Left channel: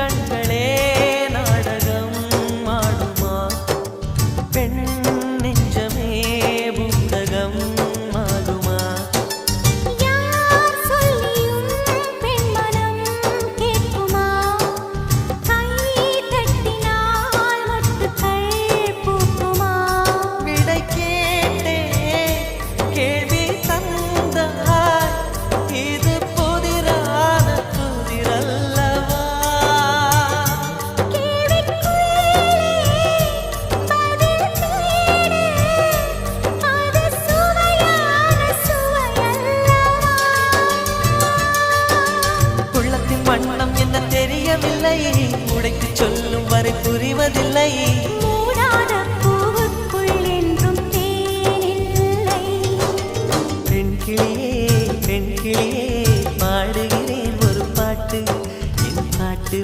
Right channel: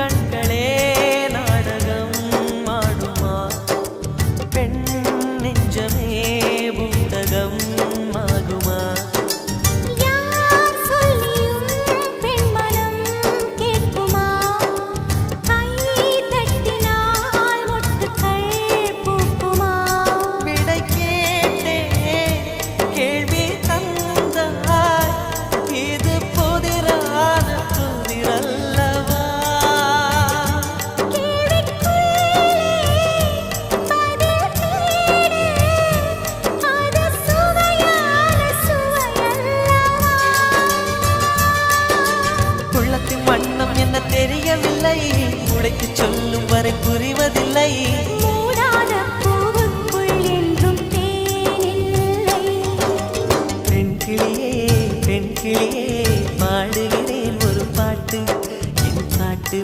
கண்களே நாடகம் ஆடுமா பெண் நெஞ்சமே பூடகம் ஆகுமா யார் சொல்லியும் பெண்மனம் கேட்குமா கை தட்டினால் மொட்டுக்கள் பூக்குமா விடை கேட்டே கேள்வி தந்தாய் இது புதிரான புதிரல்லவா கேள்விக்குள்ளே பதில் தேடு அது சுவையான சுவையல்லவா உள்ளத்தின் வண்ணம் என்ன தெரியவில்லை உடைத்து சொல்லும் வரை புரிவதில்லை மூடாத பூவுக்குள் என்றும் தேனில்லை பெண் கிளியே பாடுகிறேன் ஒரு பாட்டு என் பாட்டு